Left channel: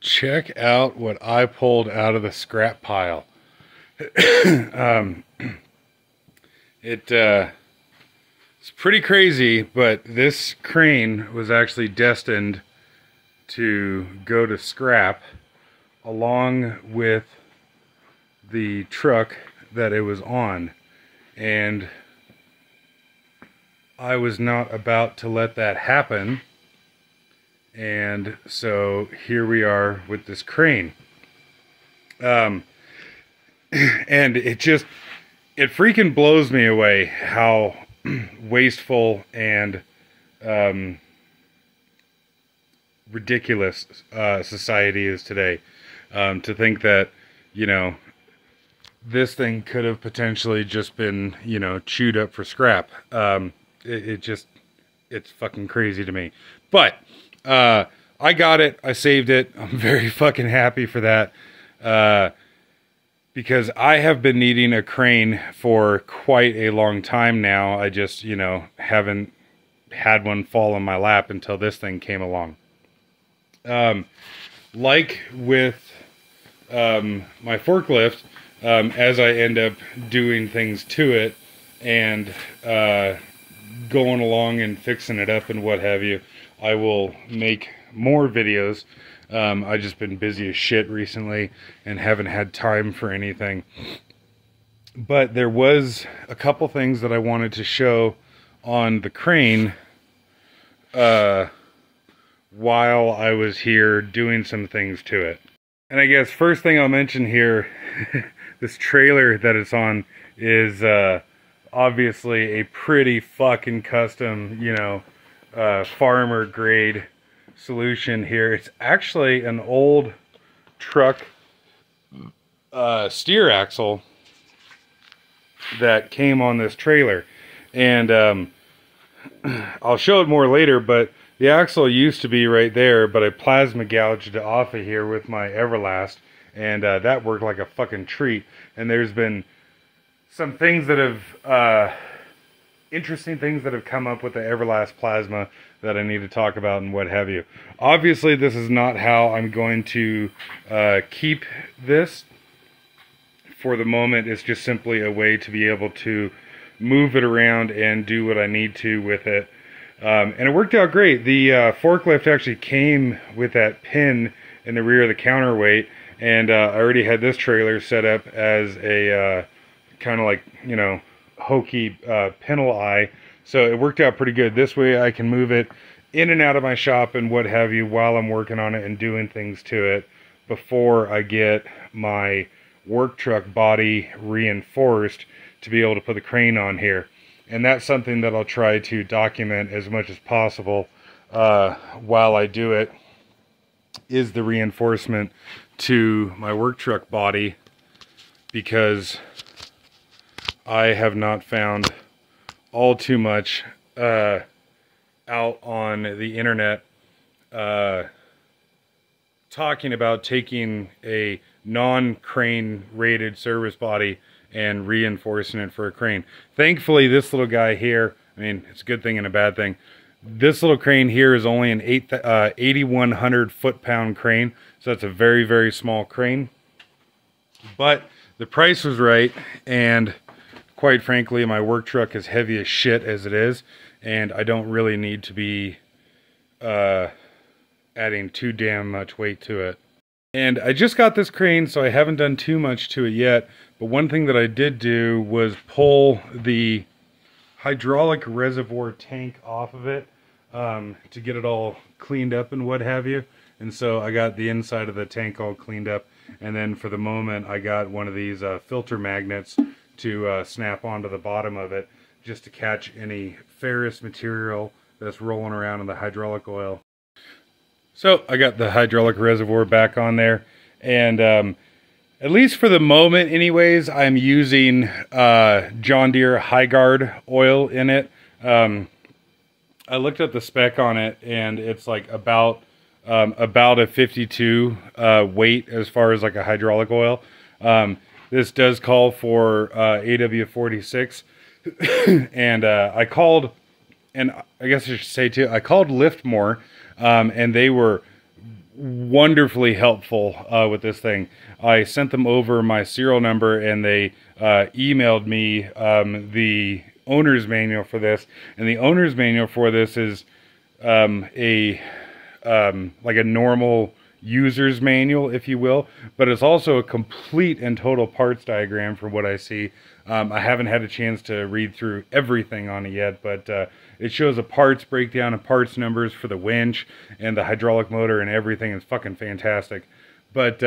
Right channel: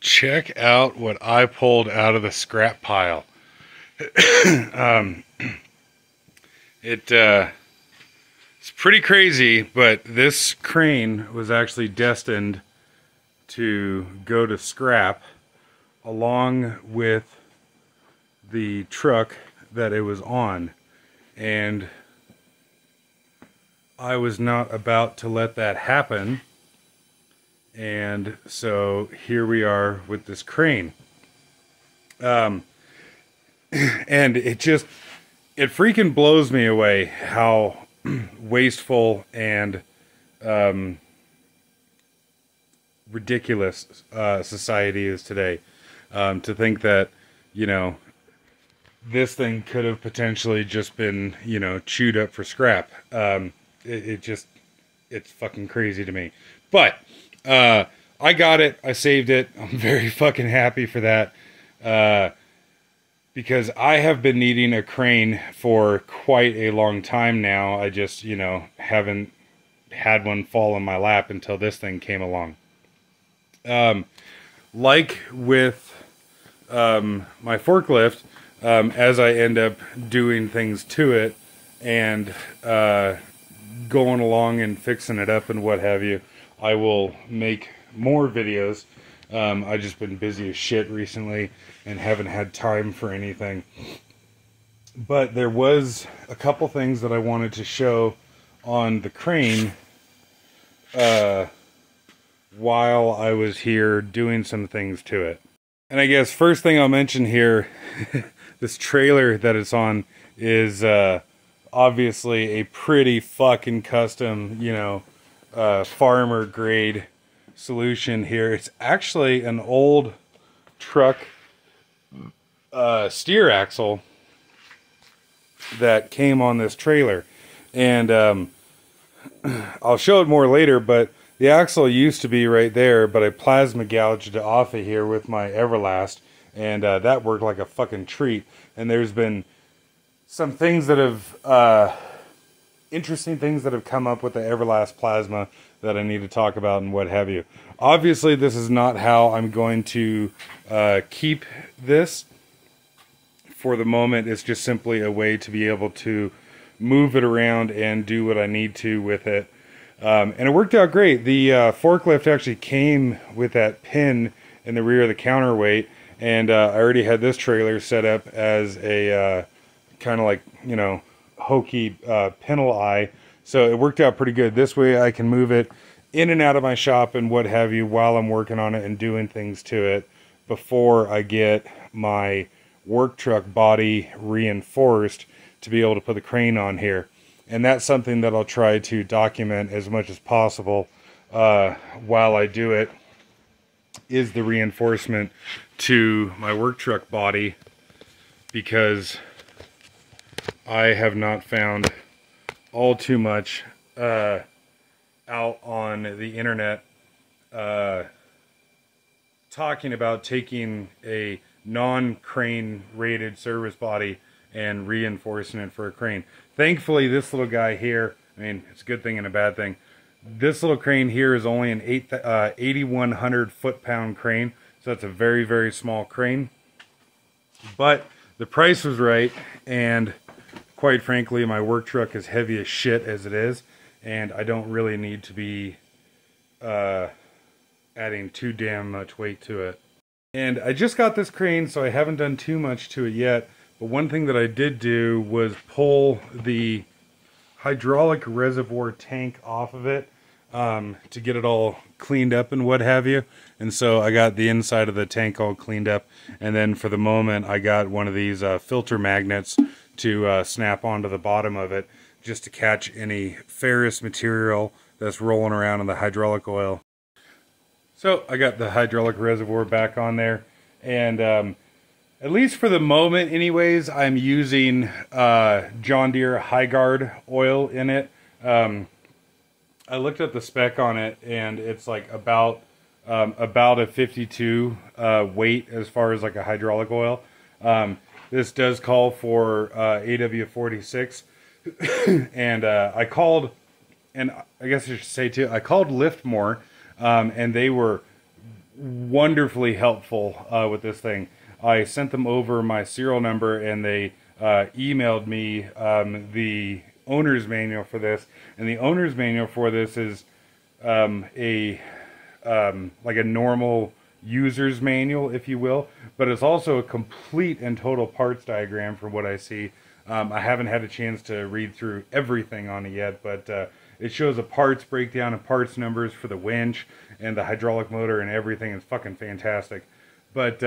check out what I pulled out of the scrap pile. It's pretty crazy, but this crane was actually destined to go to scrap along with the truck that it was on, and I was not about to let that happen. And so here we are with this crane. And it freaking blows me away how wasteful and ridiculous society is today. To think that, you know, this thing could have potentially just been, you know, chewed up for scrap. It's fucking crazy to me. But I got it. I saved it. I'm very fucking happy for that. Because I have been needing a crane for quite a long time now. I just, you know, haven't had one fall in my lap until this thing came along. Like with my forklift, as I end up doing things to it and going along and fixing it up and what have you, I will make more videos. I've just been busy as shit recently and haven't had time for anything. But there was a couple things that I wanted to show on the crane while I was here doing some things to it. And I guess first thing I'll mention here, this trailer that it's on is obviously a pretty fucking custom, you know, farmer grade solution here. It's actually an old truck steer axle that came on this trailer, and I'll show it more later, but the axle used to be right there, but I plasma gouged it off of here with my Everlast, and that worked like a fucking treat. And there's been some things that have interesting things that have come up with the Everlast plasma that I need to talk about and what have you. Obviously, this is not how I'm going to keep this. For the moment, it's just simply a way to be able to move it around and do what I need to with it. And it worked out great. The forklift actually came with that pin in the rear of the counterweight, and I already had this trailer set up as a kind of like, you know, hokey pintle eye. So it worked out pretty good. This way I can move it in and out of my shop and what have you while I'm working on it and doing things to it before I get my work truck body reinforced to be able to put the crane on here. And that's something that I'll try to document as much as possible while I do it, is the reinforcement to my work truck body, because I have not found all too much out on the internet talking about taking a non-crane rated service body and reinforcing it for a crane. Thankfully, this little guy here, I mean, it's a good thing and a bad thing. This little crane here is only an 8,100 foot-pound crane, so that's a very, very small crane. But the price was right, and quite frankly, my work truck is heavy as shit as it is, and I don't really need to be adding too damn much weight to it. And I just got this crane, so I haven't done too much to it yet, but one thing that I did do was pull the hydraulic reservoir tank off of it to get it all cleaned up and what have you. And so I got the inside of the tank all cleaned up, and then for the moment I got one of these filter magnets to snap onto the bottom of it, just to catch any ferrous material that's rolling around in the hydraulic oil. So I got the hydraulic reservoir back on there, and at least for the moment anyways, I'm using John Deere High Guard oil in it. I looked at the spec on it, and it's like about a 52 weight as far as like a hydraulic oil. This does call for AW46, and I called, and I guess I should say too, I called Liftmoore, and they were wonderfully helpful with this thing. I sent them over my serial number, and they emailed me the owner's manual for this. And the owner's manual for this is like a normal user's manual, if you will, but it's also a complete and total parts diagram from what I see. I haven't had a chance to read through everything on it yet, but it shows a parts breakdown and parts numbers for the winch and the hydraulic motor and everything. It's fucking fantastic. But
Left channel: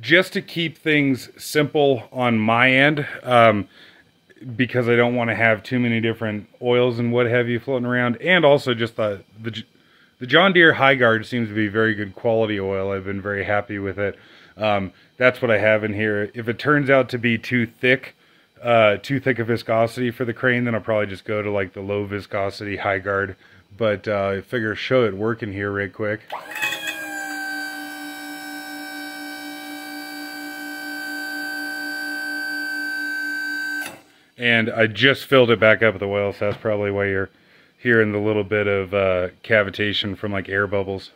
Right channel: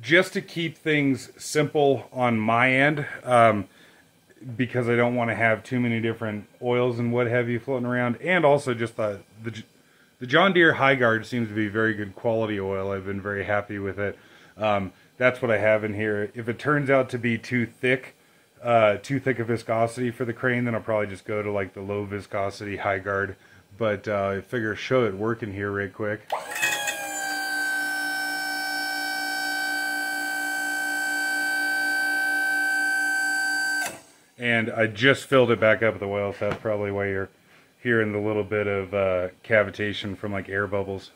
just to keep things simple on my end, because I don't want to have too many different oils and what have you floating around, and also just the John Deere High Guard seems to be very good quality oil. I've been very happy with it. That's what I have in here. If it turns out to be too thick a viscosity for the crane, then I'll probably just go to like the low viscosity High Guard. But I figure show it working here right quick. And I just filled it back up with the oil, so that's probably why you're hearing the little bit of cavitation from like air bubbles.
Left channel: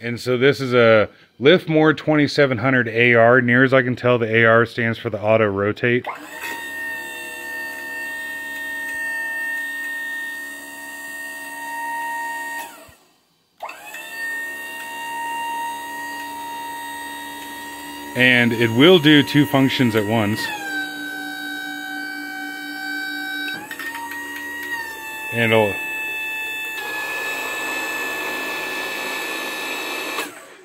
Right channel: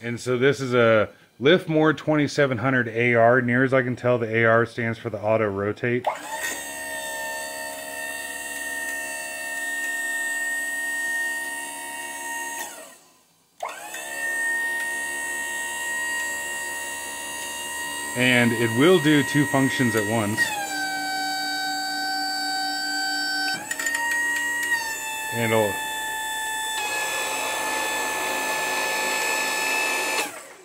And so this is a Liftmoore 2700 AR. Near as I can tell, the AR stands for the auto rotate. And it will do two functions at once. And it'll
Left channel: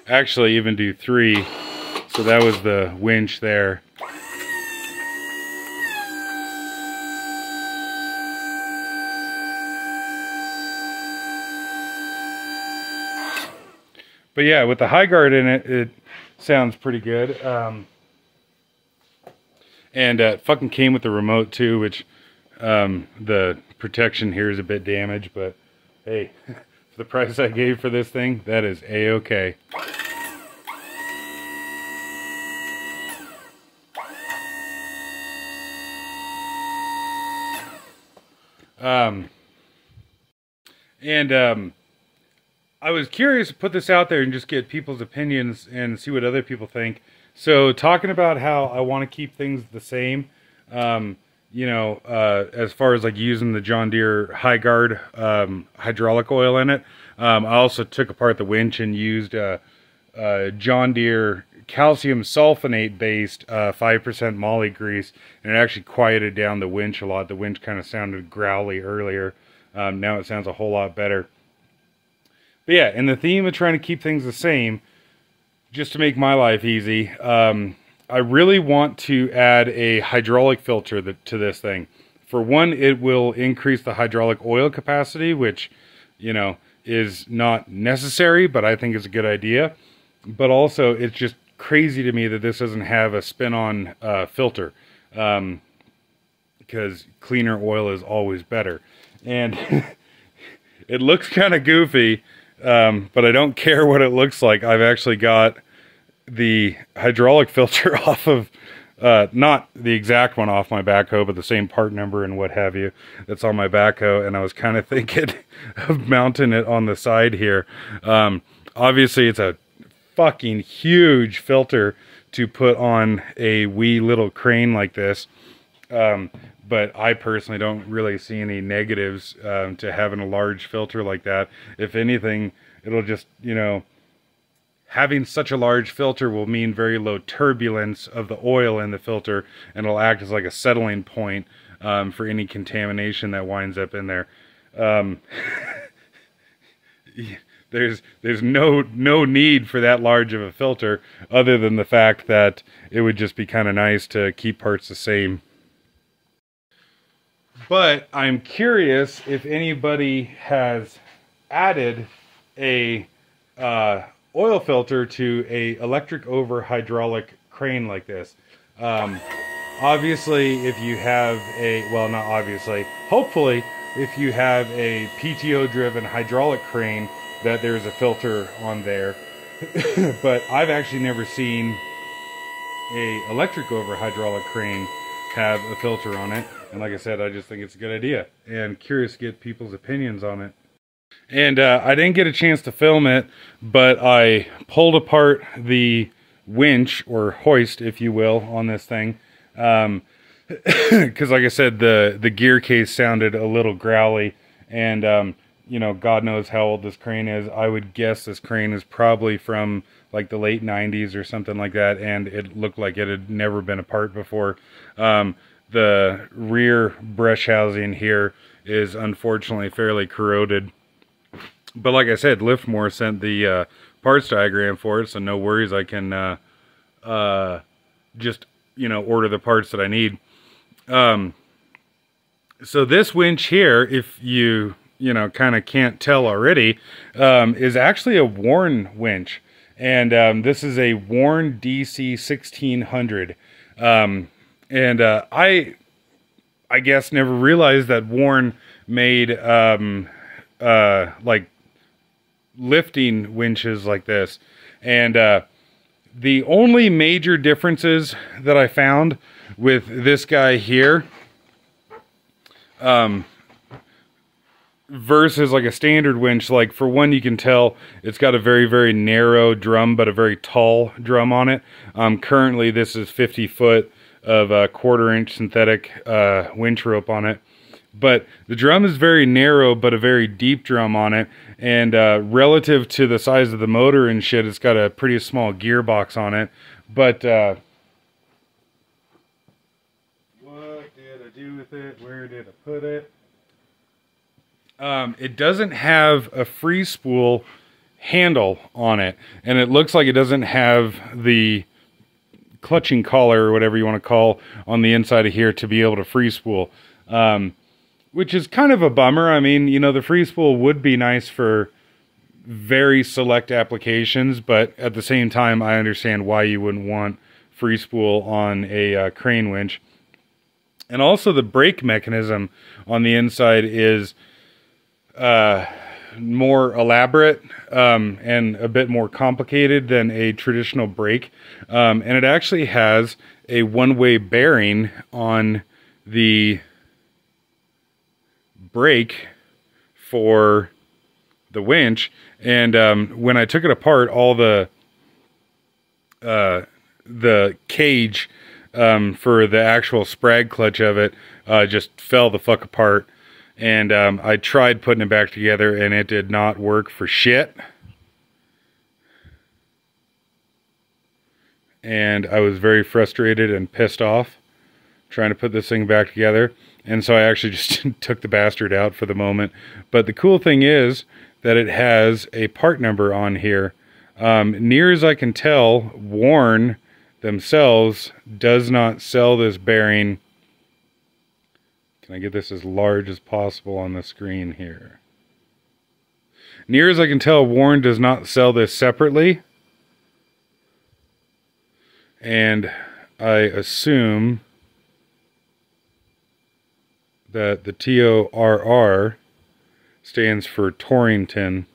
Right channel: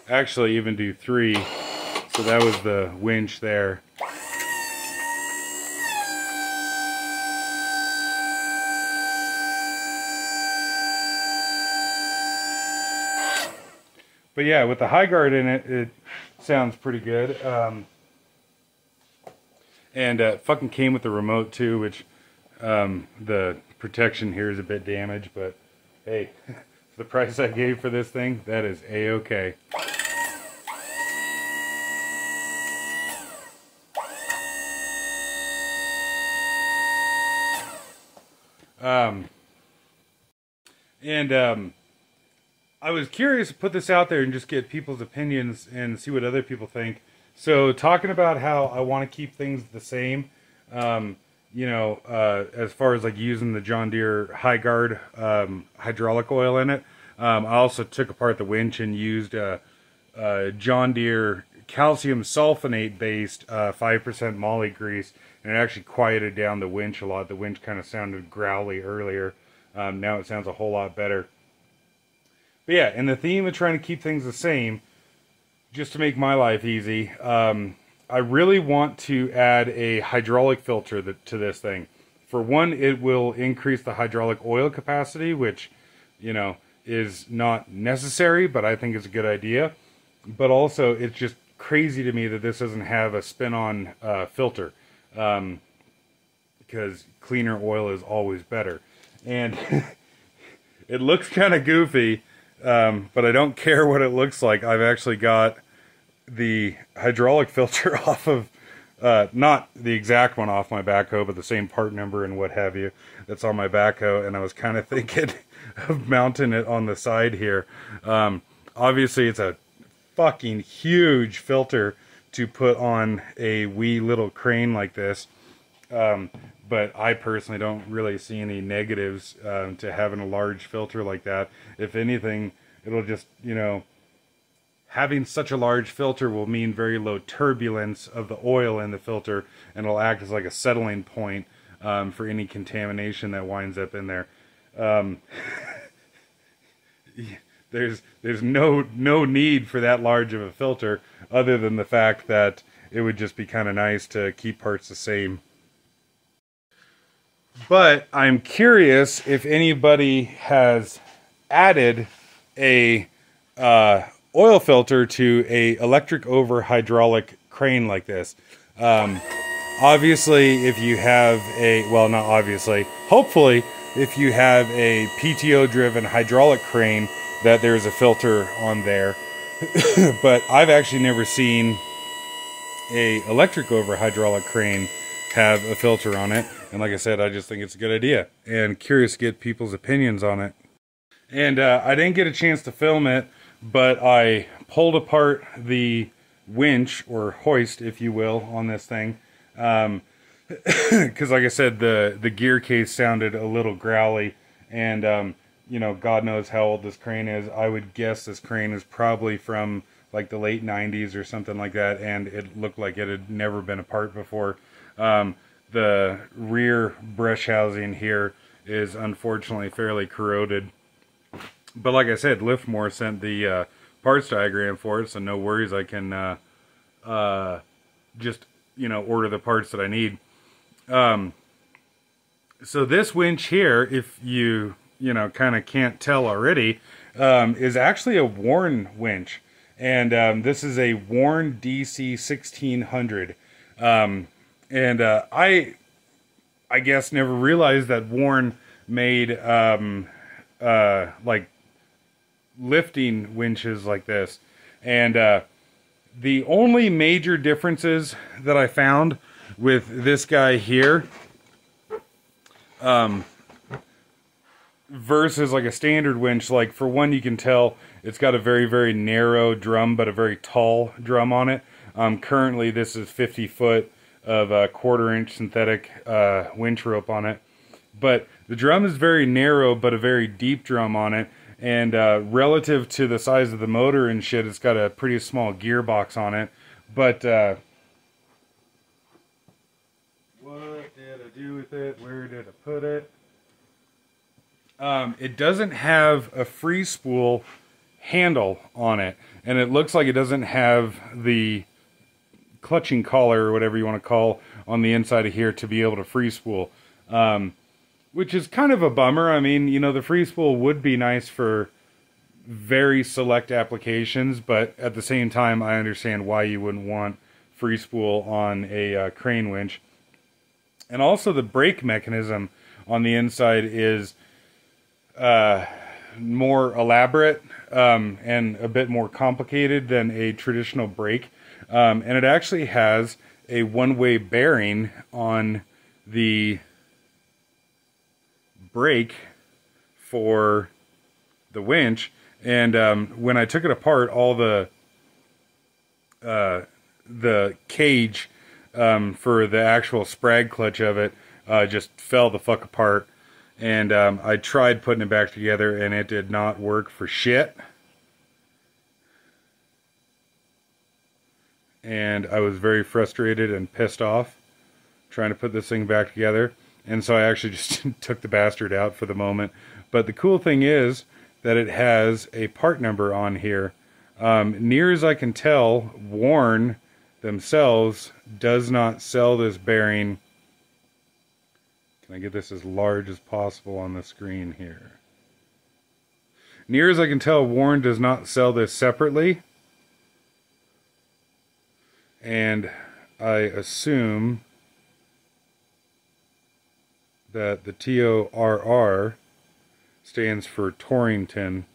actually even do three. So that was the winch there. But yeah, with the High Guard in it, it sounds pretty good. And it fucking came with the remote too, which the protection here is a bit damaged, but hey, for the price I gave for this thing, that is a-okay. I was curious to put this out there and just get people's opinions and see what other people think. So talking about how I want to keep things the same, you know, as far as like using the John Deere High Guard hydraulic oil in it. I also took apart the winch and used John Deere calcium sulfonate based 5% moly grease, and it actually quieted down the winch a lot. The winch kind of sounded growly earlier. Now it sounds a whole lot better. But yeah, in the theme of trying to keep things the same, just to make my life easy, I really want to add a hydraulic filter to this thing. For one, it will increase the hydraulic oil capacity, which, you know, is not necessary, but I think is a good idea. But also, it's just crazy to me that this doesn't have a spin-on filter, because cleaner oil is always better. And it looks kind of goofy, but I don't care what it looks like. I've actually got the hydraulic filter off of, not the exact one off my backhoe, but the same part number and what have you that's on my backhoe, and I was kind of thinking of mounting it on the side here. Obviously, it's a fucking huge filter to put on a wee little crane like this, but I personally don't really see any negatives to having a large filter like that. If anything, it'll just, you know, having such a large filter will mean very low turbulence of the oil in the filter, and it'll act as like a settling point for any contamination that winds up in there. There's no need for that large of a filter, other than the fact that it would just be kind of nice to keep parts the same. But I'm curious if anybody has added a oil filter to a electric over hydraulic crane like this. Obviously, if you have a, well, not obviously, hopefully, if you have a PTO driven hydraulic crane, that there's a filter on there. But I've actually never seen a electric over hydraulic crane have a filter on it. And like I said, I just think it's a good idea, and curious to get people's opinions on it. And I didn't get a chance to film it, but I pulled apart the winch, or hoist, if you will, on this thing. Because like I said, the gear case sounded a little growly, and you know, God knows how old this crane is. I would guess this crane is probably from like the late 90s or something like that, and it looked like it had never been apart before. The rear brush housing here is unfortunately fairly corroded. But like I said, Liftmoore sent the parts diagram for it, so no worries. I can just, you know, order the parts that I need. So this winch here, if you know, kind of can't tell already, is actually a Warn winch. And this is a Warn DC 1600. And I guess never realized that Warn made like lifting winches like this. And the only major differences that I found with this guy here versus like a standard winch, like for one, you can tell it's got a very, very narrow drum, but a very tall drum on it. Currently this is 50 foot of a 1/4 inch synthetic winch rope on it. But the drum is very narrow, but a very deep drum on it. And relative to the size of the motor and shit, it's got a pretty small gearbox on it. But what did I do with it? Where did I put it? It doesn't have a free spool handle on it. And it looks like it doesn't have the clutching collar, or whatever you want to call, on the inside of here to be able to free spool. Which is kind of a bummer. I mean, you know, the free spool would be nice for very select applications, but at the same time, I understand why you wouldn't want free spool on a crane winch. And also the brake mechanism on the inside is more elaborate and a bit more complicated than a traditional brake. And it actually has a one-way bearing on the brake for the winch. And when I took it apart, all the cage for the actual sprag clutch of it just fell the fuck apart. And I tried putting it back together, and it did not work for shit. And I was very frustrated and pissed off trying to put this thing back together. And so I actually just took the bastard out for the moment. But the cool thing is that it has a part number on here. Near as I can tell, Warn themselves does not sell this bearing. Can I get this as large as possible on the screen here? Near as I can tell, Warn does not sell this separately. And I assume that the TORR stands for Torrington.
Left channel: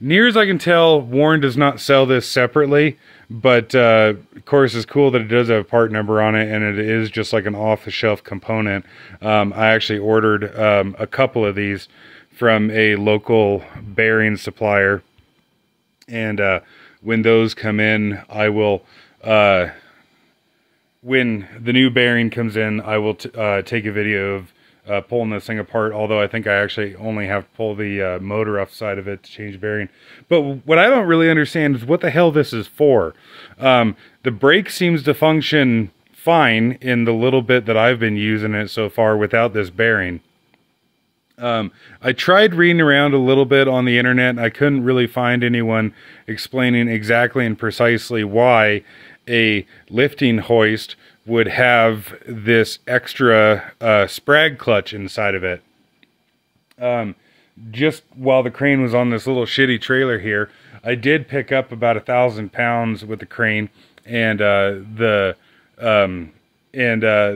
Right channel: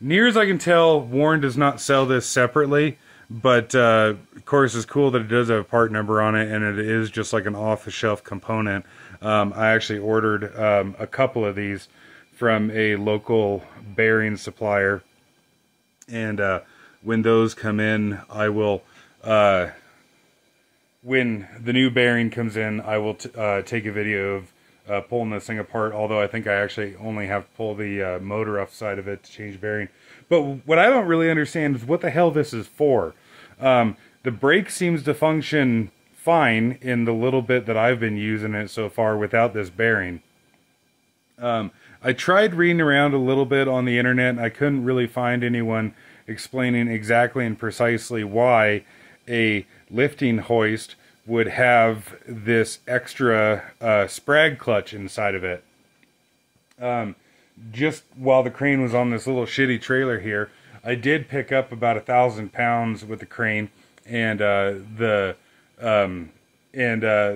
Near as I can tell, Warn does not sell this separately, but of course it's cool that it does have a part number on it, and it is just like an off-the-shelf component. I actually ordered a couple of these from a local bearing supplier, and when those come in, I will when the new bearing comes in, I will take a video of pulling this thing apart, although I think I actually only have to pull the motor off the side of it to change bearing. But what I don't really understand is what the hell this is for. The brake seems to function fine in the little bit that I've been using it so far without this bearing. I tried reading around a little bit on the internet. I couldn't really find anyone explaining exactly and precisely why a lifting hoist would have this extra sprag clutch inside of it. Just while the crane was on this little shitty trailer here, I did pick up about 1,000 pounds with the crane, and the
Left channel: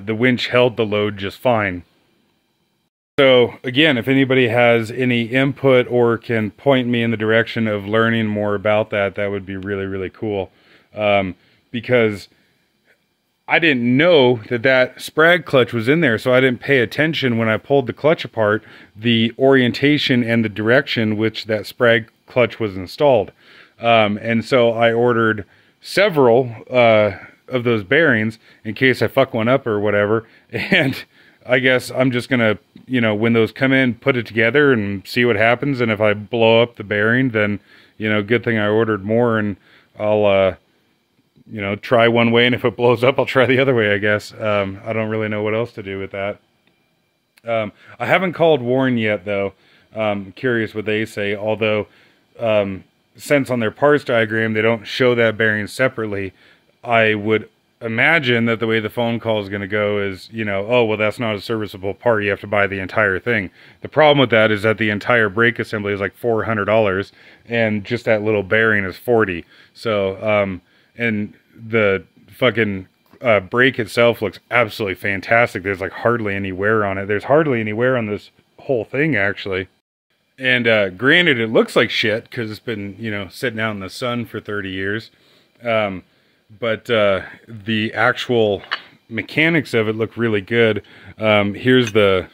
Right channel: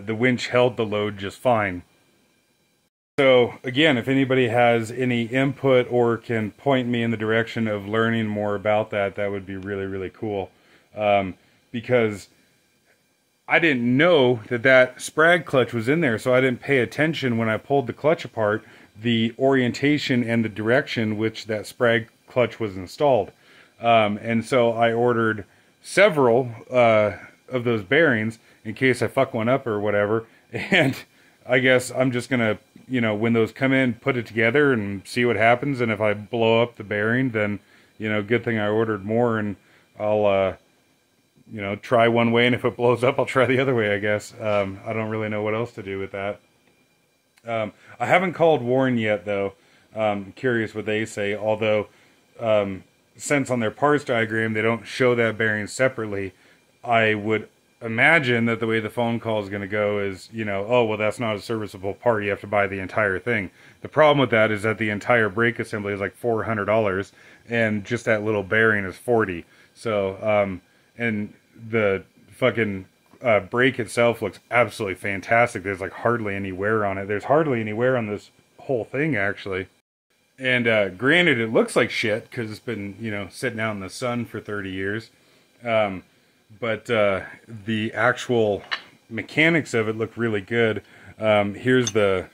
winch held the load just fine. So again, if anybody has any input or can point me in the direction of learning more about that, that would be really, really cool. Because I didn't know that that sprag clutch was in there, so I didn't pay attention when I pulled the clutch apart, the orientation and the direction which that sprag clutch was installed. And so I ordered several of those bearings in case I fuck one up or whatever. And I guess I'm just going to, you know, when those come in, put it together and see what happens. And if I blow up the bearing, then, you know, good thing I ordered more, and I'll, you know, try one way, and if it blows up, I'll try the other way, I guess. I don't really know what else to do with that. I haven't called Warren yet, though. Curious what they say, although since on their parts diagram they don't show that bearing separately, I would imagine that the way the phone call is going to go is, you know, oh, well, that's not a serviceable part, you have to buy the entire thing. The problem with that is that the entire brake assembly is like $400, and just that little bearing is $40. So, and the fucking brake itself looks absolutely fantastic. There's like hardly any wear on it. There's hardly any wear on this whole thing, actually. And granted, it looks like shit because it's been, you know, sitting out in the sun for 30 years. But the actual mechanics of it look really good. Here's the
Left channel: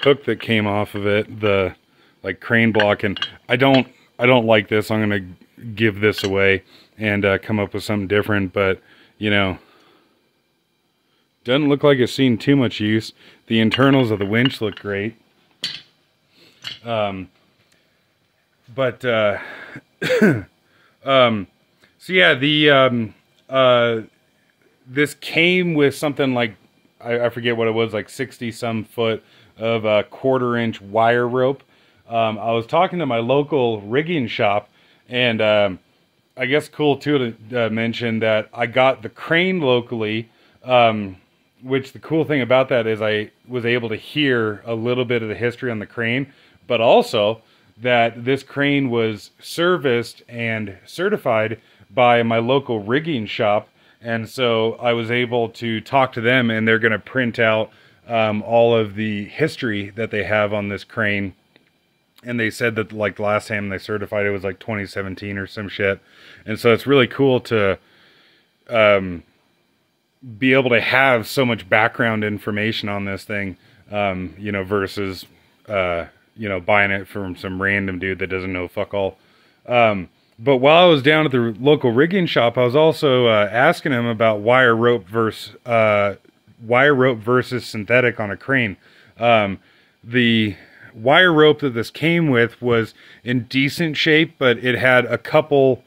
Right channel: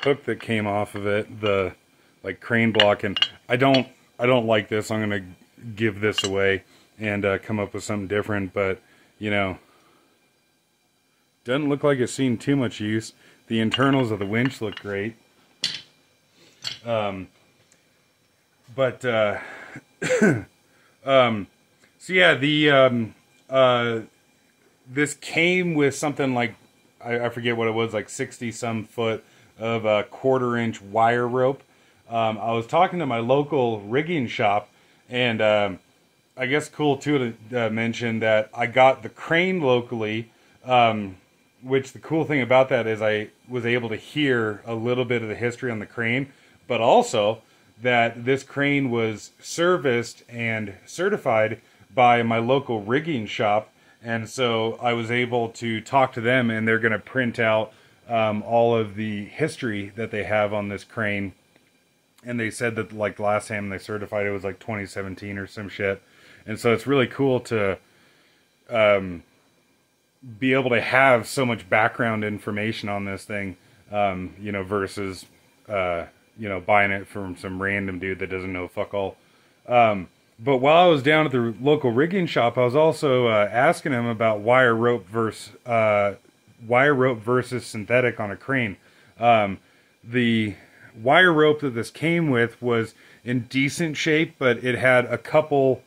hook that came off of it, the like crane block, and I don't like this. I'm gonna give this away and come up with something different, but you know, doesn't look like it's seen too much use. The internals of the winch look great. So yeah, this came with something like, I forget what it was, like 60 some foot of a 1/4 inch wire rope. I was talking to my local rigging shop, and I guess cool too to mention that I got the crane locally, which the cool thing about that is I was able to hear a little bit of the history on the crane, but also that this crane was serviced and certified by my local rigging shop. And so I was able to talk to them, and they're going to print out all of the history that they have on this crane. And they said that like the last time they certified it was like 2017 or some shit. And so it's really cool to be able to have so much background information on this thing, you know, versus, you know, buying it from some random dude that doesn't know fuck all. But while I was down at the local rigging shop, I was also asking him about wire rope versus synthetic on a crane. The wire rope that this came with was in decent shape, but it had a couple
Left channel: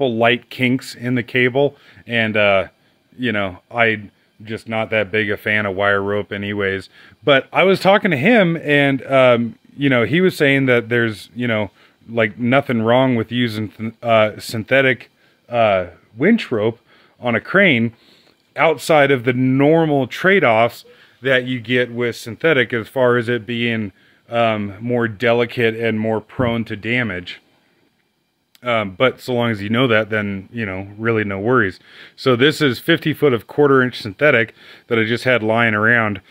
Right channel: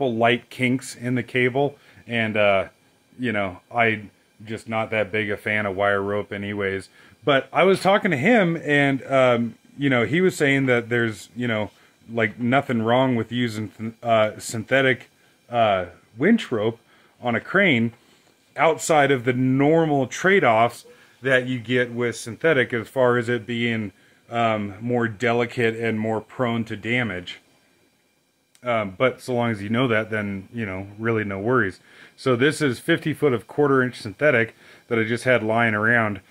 light kinks in the cable, and you know, I'm just not that big a fan of wire rope anyways. But I was talking to him, and you know, he was saying that there's, you know, like nothing wrong with using synthetic winch rope on a crane outside of the normal trade-offs that you get with synthetic, as far as it being more delicate and more prone to damage. But so long as you know that, then, you know, really no worries. So this is 50 foot of 1/4 inch synthetic that I just had lying around.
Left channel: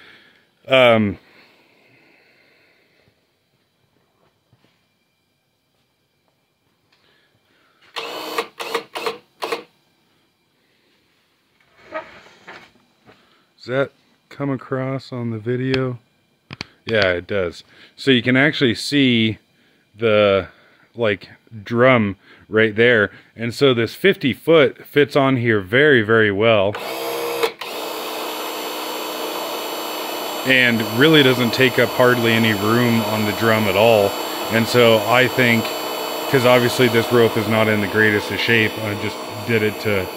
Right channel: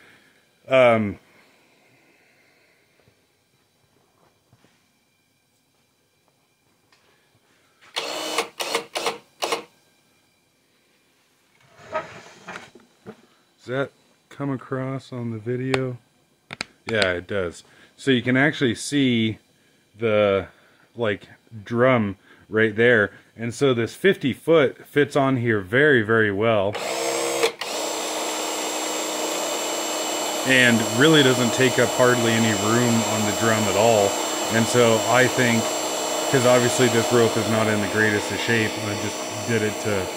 Does that come across on the video? Yeah, it does. So you can actually see the like drum right there, and so this 50 foot fits on here very, very well, and really doesn't take up hardly any room on the drum at all. And so I think, because obviously this rope is not in the greatest of shape, I just did it to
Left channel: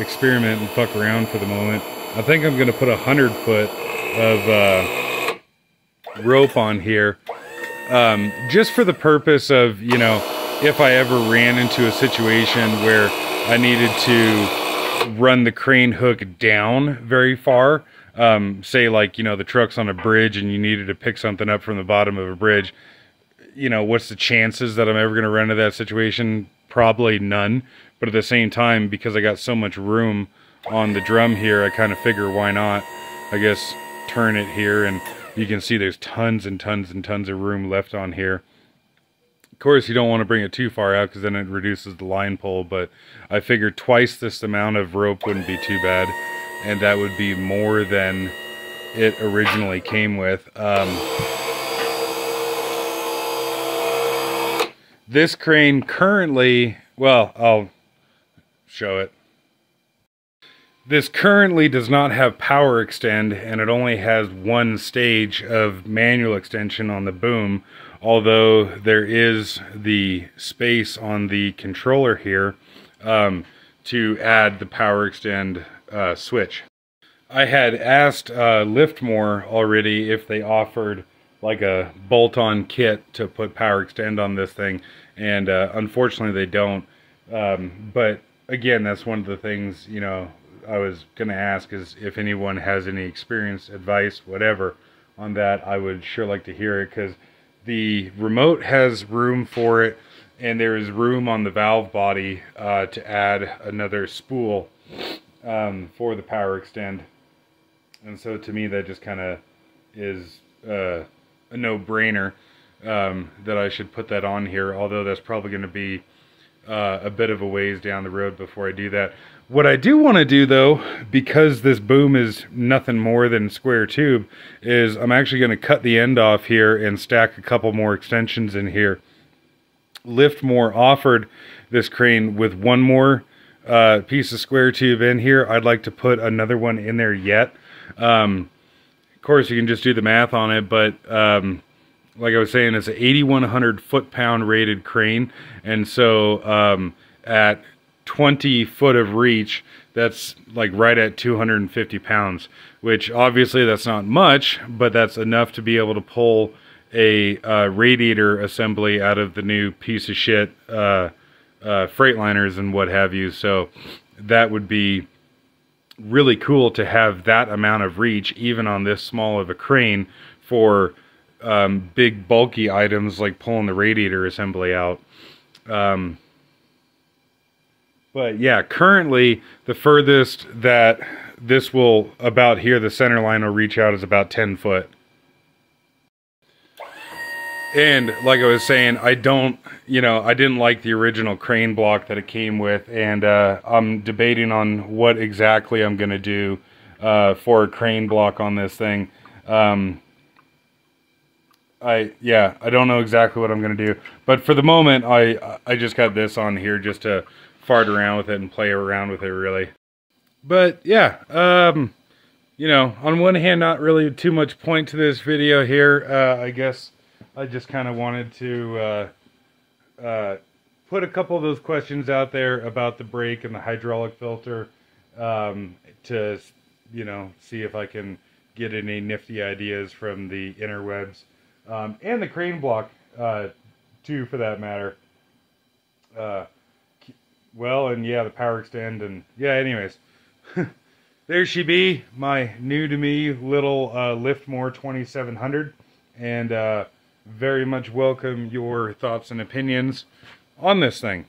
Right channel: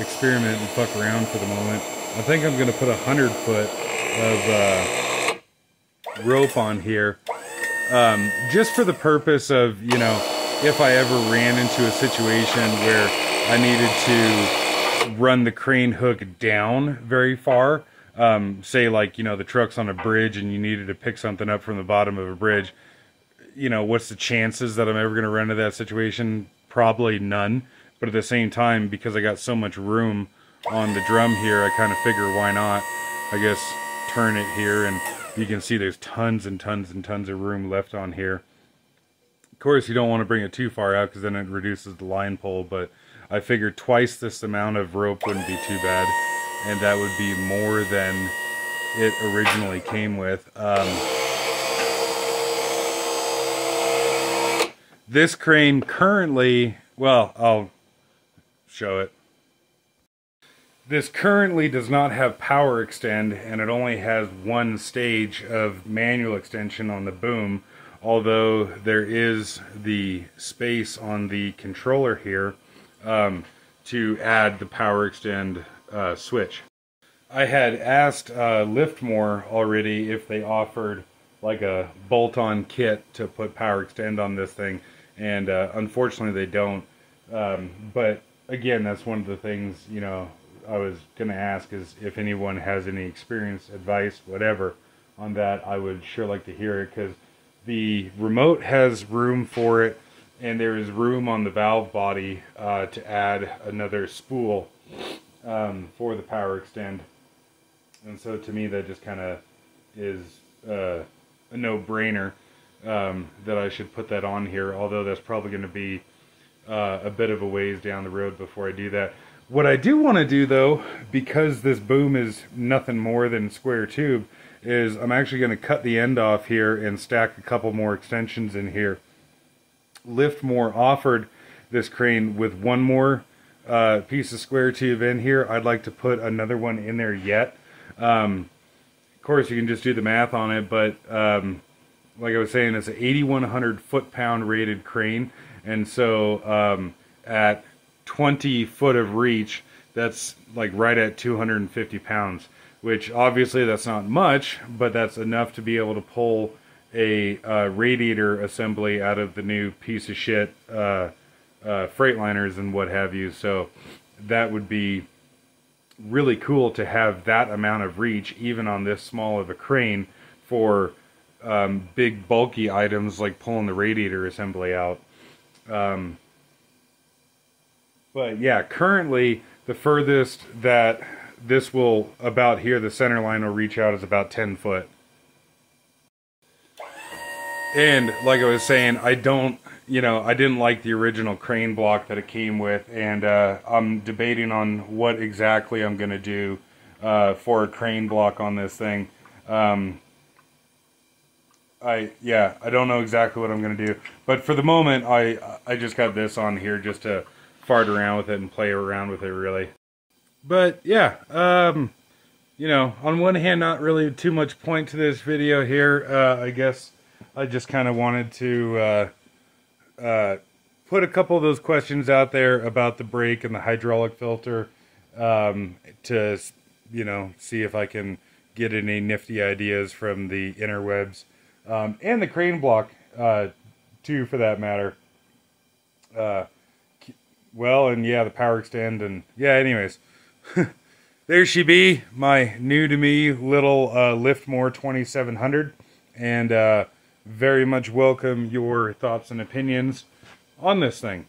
experiment and fuck around for the moment. I think I'm going to put 100 foot of rope on here, just for the purpose of, you know, if I ever ran into a situation where I needed to run the crane hook down very far, say like, you know, the truck's on a bridge and you needed to pick something up from the bottom of a bridge, you know, what's the chances that I'm ever going to run into that situation? Probably none. But at the same time, because I got so much room on the drum here, I kind of figure why not, I guess, turn it here, and you can see there's tons and tons and tons of room left on here. Of course, you don't want to bring it too far out because then it reduces the line pull, but I figured twice this amount of rope wouldn't be too bad, and that would be more than it originally came with. This crane currently, well, I'll show it. This currently does not have power extend, and it only has one stage of manual extension on the boom, although there is the space on the controller here to add the power extend switch. I had asked Liftmoore already if they offered like a bolt-on kit to put power extend on this thing, and unfortunately they don't. But again, that's one of the things, you know, I was going to ask is if anyone has any experience, advice, whatever on that. I would sure like to hear it, because the remote has room for it, and there is room on the valve body to add another spool for the power extend. And so to me that just kind of is a no-brainer that I should put that on here, although that's probably going to be a bit of a ways down the road before I do that. What I do want to do though, because this boom is nothing more than square tube, is I'm actually going to cut the end off here and stack a couple more extensions in here. Liftmoore offered this crane with one more piece of square tube in here. I'd like to put another one in there yet. Of course you can just do the math on it, but like I was saying, it's an 8,100 foot-pound rated crane, and so at 20 foot of reach, that's like right at 250 pounds, which obviously that's not much, but that's enough to be able to pull a radiator assembly out of the new piece of shit Freightliners and what have you. So that would be really cool to have that amount of reach even on this small of a crane for big bulky items like pulling the radiator assembly out. But yeah, currently the furthest that this will, about here, the center line will reach out is about 10 foot. And like I was saying, I didn't like the original crane block that it came with, and I'm debating on what exactly I'm going to do for a crane block on this thing. I don't know exactly what I'm going to do, but for the moment I just got this on here just to fart around with it and play around with it, really. But yeah, you know, on one hand, not really too much point to this video here. I guess I just kind of wanted to put a couple of those questions out there about the brake and the hydraulic filter to, you know, see if I can get any nifty ideas from the interwebs and the crane block too, for that matter. Well, and yeah, the power extend, and yeah, anyways. There she be, my new to me little Liftmoore 2700, and very much welcome your thoughts and opinions on this thing.